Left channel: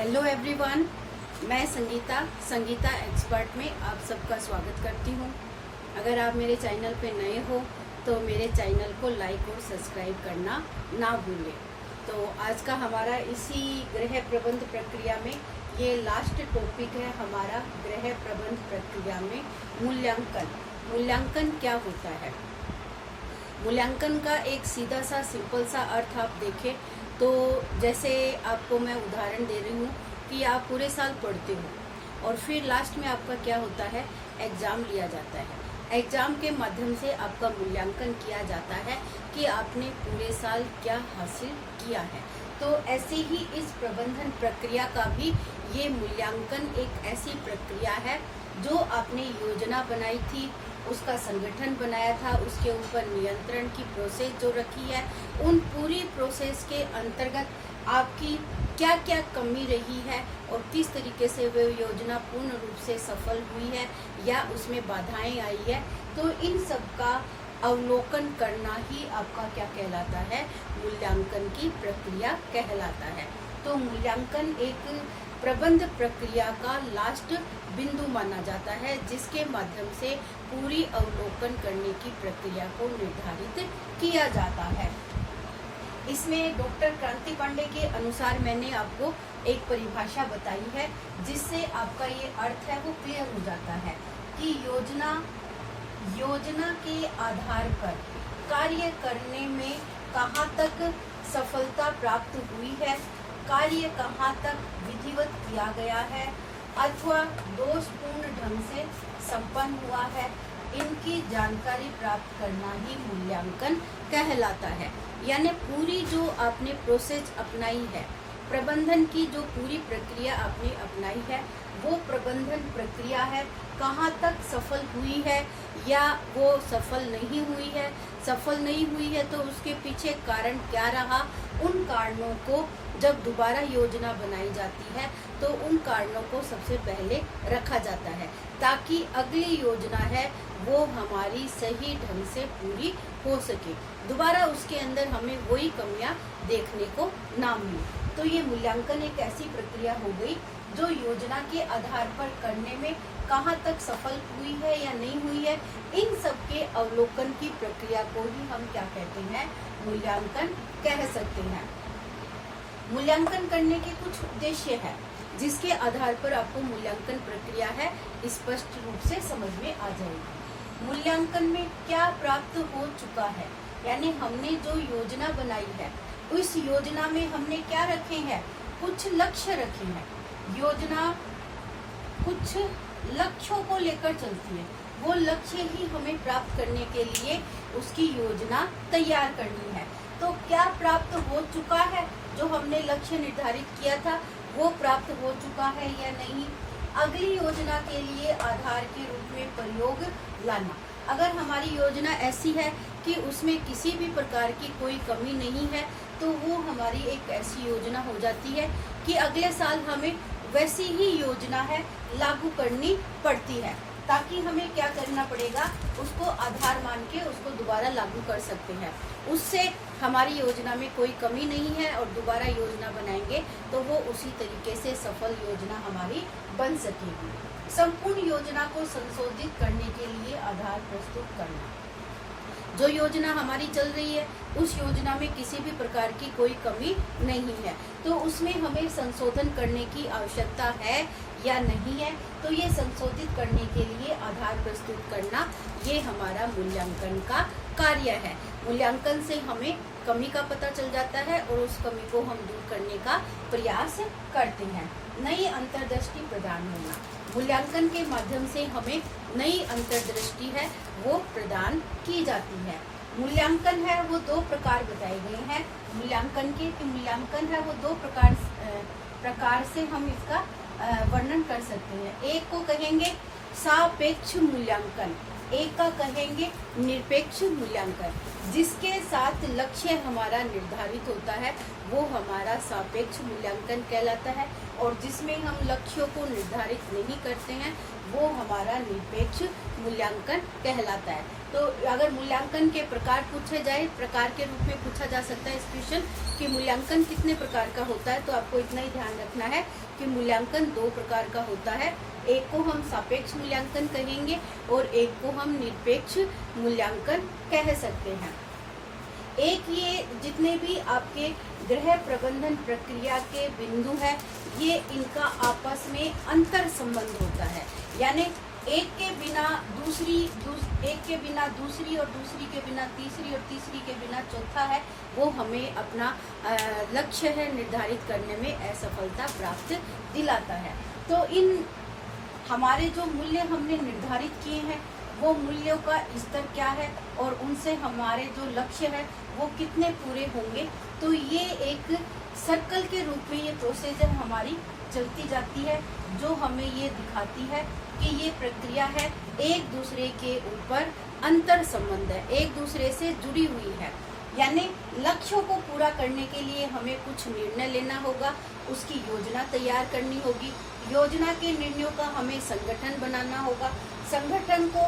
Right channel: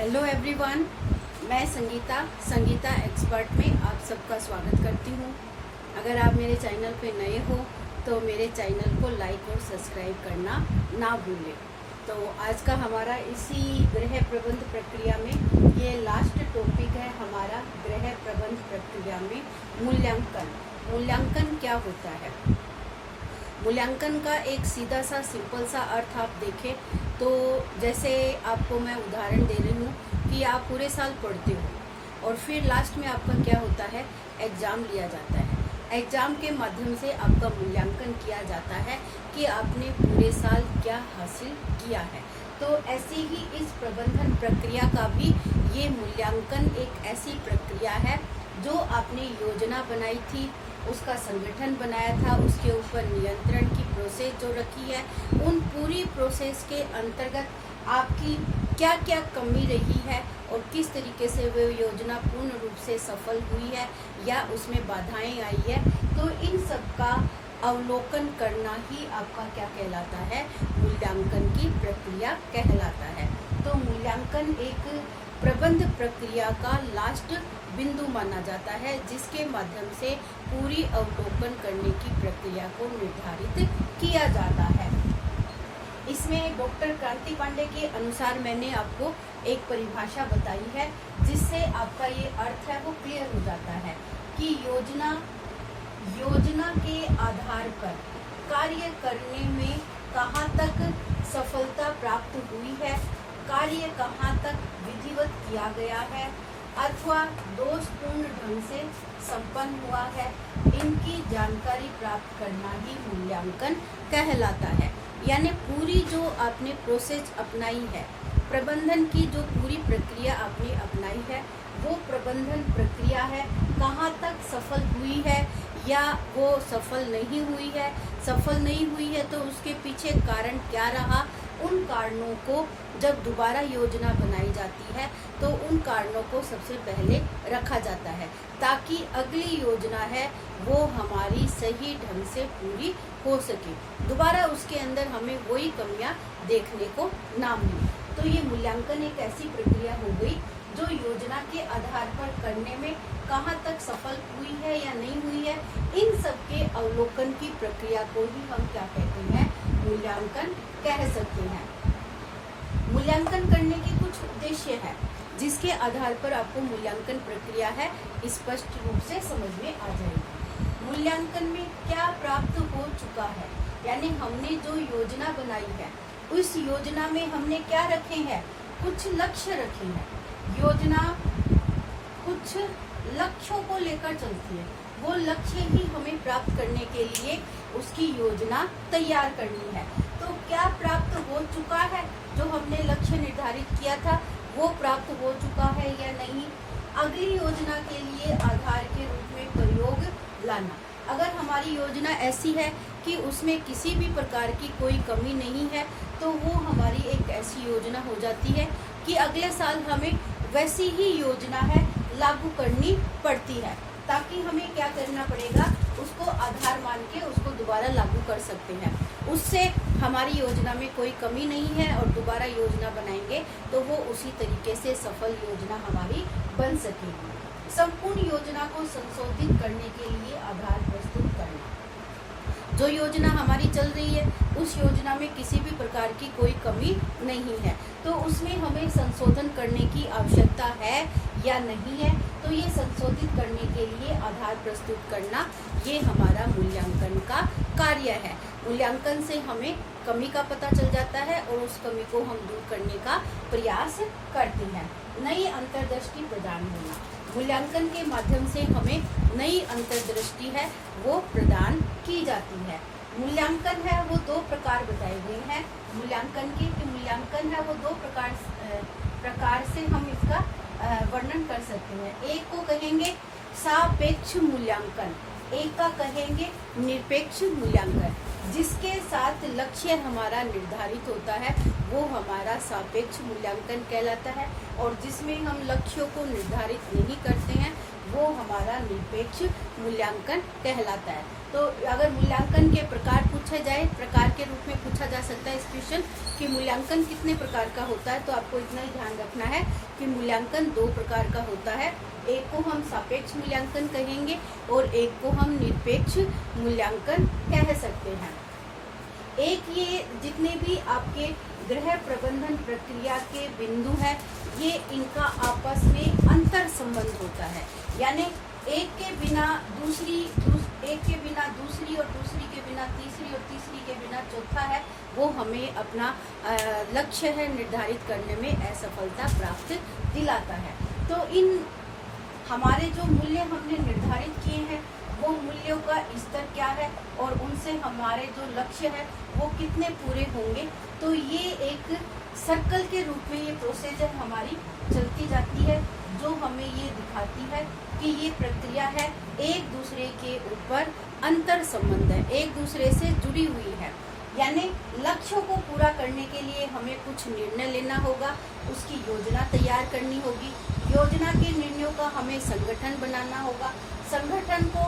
Hello everyone, मैं Sangeeta expert में आप सबका स्वागत करती हूँ। अगर आप मेरे चैनल पे नए हो तो मेरे चैनल को लाइक और सब्सक्राइब करना ना भूलें। तो आज का हमारा इसी गृह प्रबंध प्रक्रिया में ये लास्ट टॉपिक है हमारा गृह प्रबंध प्रक्रिया में मूल्यांकन क्या होता है। मूल्यांकन का एक सीधा सा सिंपल सा अर्थ आप देखें तो जैसे आपको मैं उदाहरण दे रही हूँ कि आप पूरे साल पढ़ते हो और फिर लास्ट में आपका क्या होता है, एग्जाम लिया जाता है। एग्जाम के माध्यम से आपका मूल्यांकन किया जाता है कि आपने पूरे साल क्या हासिल किया है। तो ऐसे ही इस प्रबंधन प्रक्रिया का भी ये मूल्यांकन एक ऐसी प्रक्रिया है जो आपने योजना बनाई थी, उसका संगठन बनाया था, उसके ऊपर नियंत्रण की प्रोसेस जो रखी है, उन पूरी प्रोसेस के अंतर्गत आपकी क्या क्या कमी रही है और किस तरीके से वो योजना पूर्ण रूप से सफल हुई है या उसमें बाधाएं आई है। तो इन सब का अवलोकन करना ही आपका क्या कहलाता है, मूल्यांकन की प्रक्रिया कहलाता है। तो मूल्यांकन एक प्रबंध प्रक्रिया का लास्ट बिंदु माना जाता है जिसके माध्यम से पूरी अवलोकन करने की प्रक्रिया को निर्धारित किया जाता है। इसमें डॉक्टर क्रांति पांडे के अनुसार मैंने आपको एक परिभाषा बताई है जिससे आपका ये अर्थ है वो क्लियर हो जाता है कि योजना के आधार पर कार्य करने में कहाँ तक सफलता प्राप्त हुई है, कार्य कहाँ तक विधिवत किया गया है अथवा दोषपूर्ण ढंग से संपन्न हुआ है, इनकी जानकारी प्राप्त करना ही मूल्यांकन कहलाता है। यानी पूरी जो आपने प्रोसेस अपनाई है, प्रबंधन की जो पूरी प्रक्रिया आपने अपनाई है, वो प्रबंधन प्रक्रिया है कहाँ तक सफल हुई है या वो सफल नहीं हुई है। सफल नहीं हुई है तो उसके पीछे कारण क्या रहा, उन कारणों को जब दोबारा योजना बनाई जाती है तो उन कारणों को सबसे पहले रखा जाता है ताकि अगली योजना है वो हमारी सही ढंग से पूरी हो सके, दोबारा उसके अंदर हमें वही कमियां देखने को ना मिले। तो ये मूल्यांकन एक ऐसी प्रक्रिया हो गई जो योजना के आधार पर करने में कहाँ तक सफल हुई है या नहीं हुई है, इन सब के अवलोकन की प्रक्रिया को ही हम क्या कहते हैं, मूल्यांकन कह सकते हैं। मूल्यांकन करने के कुछ उद्देश्य है जिसके आधार पर आपको मूल्यांकन प्रक्रिया है स्पष्ट रूप से समझ में आ जाएगी। मूल्यांकन में क्या प्राप्त हो चुका है, यानी हमने जो योजना बनाई है उस योजना में हमने क्या रखे हैं, कुछ लक्ष्य रखे हैं। योजना कुछ लक्ष्यों को लेकर चलती है, वो लक्ष्य ही हमें प्राप्त करने के लिए उसकी योजना तैयार करनी है। तो क्या प्राप्त हो चुका है, जो हमने लक्ष्य निर्धारित किया था वो प्राप्त हो चुका है या नहीं। अगली योजना के लिए आधार के रूप में प्रयोग लाना। अगर हमारी योजना ऐसी है कि उसमें किसी भी प्रकार की कोई कमी नहीं है तो वो हमारी एक ऐसी योजना हो जाती है कि अगले साल हमें वैसी ही योजना है लागू करनी पड़ती है, ताकि हमें क्या करना पड़ेगा, उसको आधार मान के उसको दोबारा लागू कर सकते हैं। उससे हमारी योजना में कोई कमी नहीं है और दोबारा योजना बनाएंगे तो वो उसी तरीके से सफल योजना हमारी बन सकेगी। संपूर्ण योजना को संशोधित करने के लिए आधार प्रस्तुत करना। जो योजना हमारी चल रही है उस योजना में किसी भी प्रकार की कोई कमी नहीं है तो उसमें हमें संशोधन करने की आवश्यकता है या नहीं है, तो ये संशोधित करने के लिए आधार प्रस्तुत करना ये हमारा मूल्यांकन का कार्य है। मूल्यांकन से हमें कमी का पता चल जाता है और उस कमी को हम दूर करने का प्रयास करते हैं। नई अंतर्दृष्टि प्रदान होना, मूल्यांकन के माध्यम से हमें नई अंतर्दृष्टि है वो प्रदान की जाती है। मूल्यांकन है वो दो प्रकार बताए गए हैं मूल्यांकन के, कि मूल्यांकन है वो दो प्रकार से हम इसका वर्णन कर सकते हैं। एक को कहेंगे सापेक्ष मूल्यांकन, एक का कहेंगे निरपेक्ष मूल्यांकन। जिसके साथ लक्ष्य हमारा निर्धारित होता है वो हमारा सापेक्ष मूल्यांकन कहलाता है और जिसमें हम लक्ष्यों को निर्धारित नहीं करते हैं वो हमारा निरपेक्ष मूल्यांकन कहलाता है। तो अगर मूल्यांकन के प्रकार पूछे जाए, प्रकार के रूप में पूछा जा सकता है इस क्वेश्चन कि मूल्यांकन कितने प्रकार का होता है, तो आपको इतना ही ध्यान रखना है कि मूल्यांकन 2 प्रकार का होता है। एक को हम सापेक्ष मूल्यांकन कहेंगे और एक को हम निरपेक्ष मूल्यांकन कह सकते हैं। एक ये जितने भी आपके गृह प्रबंधन प्रक्रिया के बिंदु हैं, ये इनका आपस में अंतर संबंध होता है, यानी एक के बिना दूसरी और दूसरी के बिना तीसरी और तीसरी के बिना चौथा है, वो हमें अपना लक्ष्य है निर्धारित करने में असफलता प्राप्त दिलाता है। तो इन हमारे जो मूल्य हमने निर्धारित किए हैं, वो मूल्यों का स्तर क्या है और उनसे हमारे जो लक्ष्य है वो कितने पूरे होंगे, तो ये एक सर्कल के रूप में ये प्रोसीजर हमारी चलती जाती है, जो हमें ये दिखाती है कि ये प्रक्रिया है एक दूसरे के ऊपर अंतर संबंध है, एक दूसरे से जुड़ी हुई है। यानी लक्ष्यों को पूरा करने के लिए हमें कुछ निर्णय लेना होगा, उसकी योजना तैयार करनी होगी, योजना के निर्णयों का हमें संगठन बनाना होगा, संगठन को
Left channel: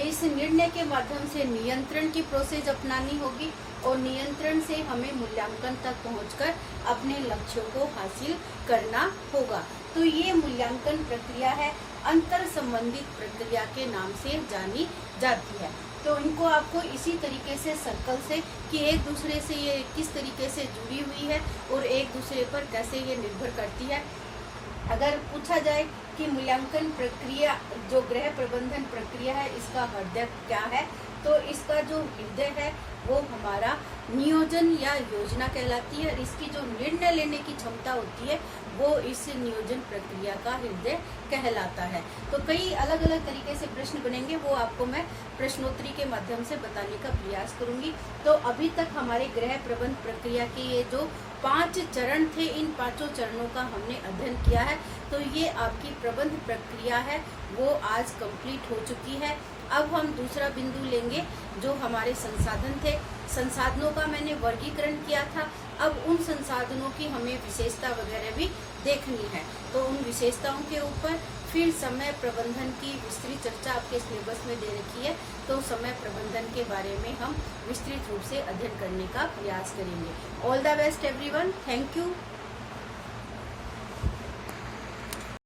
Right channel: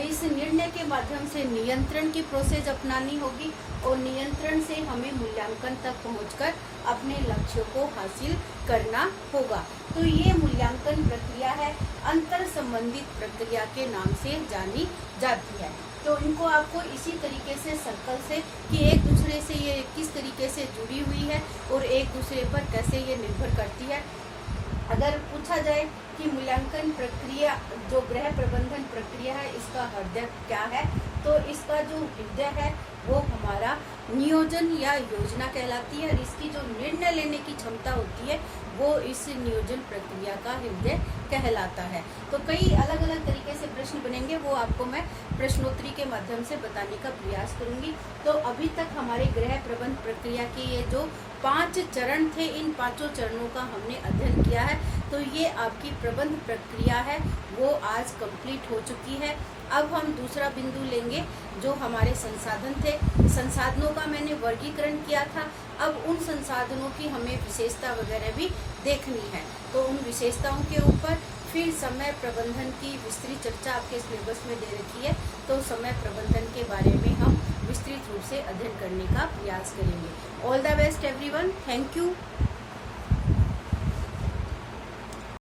इस निर्णय के माध्यम से नियंत्रण की प्रोसेस अपनानी होगी और नियंत्रण से हमें मूल्यांकन तक पहुंचकर अपने लक्ष्यों को हासिल करना होगा। तो ये मूल्यांकन प्रक्रिया है, अंतर संबंधित प्रक्रिया के नाम से जानी जाती है। तो इनको आपको इसी तरीके से सर्कल से कि एक दूसरे से ये किस तरीके से जुड़ी हुई है और एक दूसरे पर कैसे ये निर्भर करती है। अगर पूछा जाए कि मूल्यांकन प्रक्रिया जो गृह प्रबंधन प्रक्रिया है, इसका हृदय क्या है, तो इसका जो हृदय है वो हमारा नियोजन या योजना कहलाती है और इसकी जो निर्णय लेने की क्षमता होती है वो इस नियोजन प्रक्रिया का हृदय कहलाता है। तो कई अलग अलग तरीके से प्रश्न बनेंगे, वो आपको मैं प्रश्नोत्तरी के माध्यम से बताने का प्रयास करूंगी। तो अभी तक हमारे गृह प्रबंध प्रक्रिया के ये जो 5 चरण थे, इन 5 चरणों का हमने अध्ययन किया है। तो ये आपकी प्रबंध प्रक्रिया है वो आज कंप्लीट हो चुकी है। अब हम दूसरा बिंदु लेंगे जो हमारे संसाधन थे। संसाधनों का मैंने वर्गीकरण किया था, अब उन संसाधनों की हमें विशेषता वगैरह भी देखनी है। तो उन विशेषताओं के ऊपर फिर समय प्रबंधन की विस्तृत चर्चा आपके सिलेबस में दे रखी है, तो समय प्रबंधन के बारे में हम विस्तृत रूप से अध्ययन करने का प्रयास करेंगे। All the best everyone, thank you.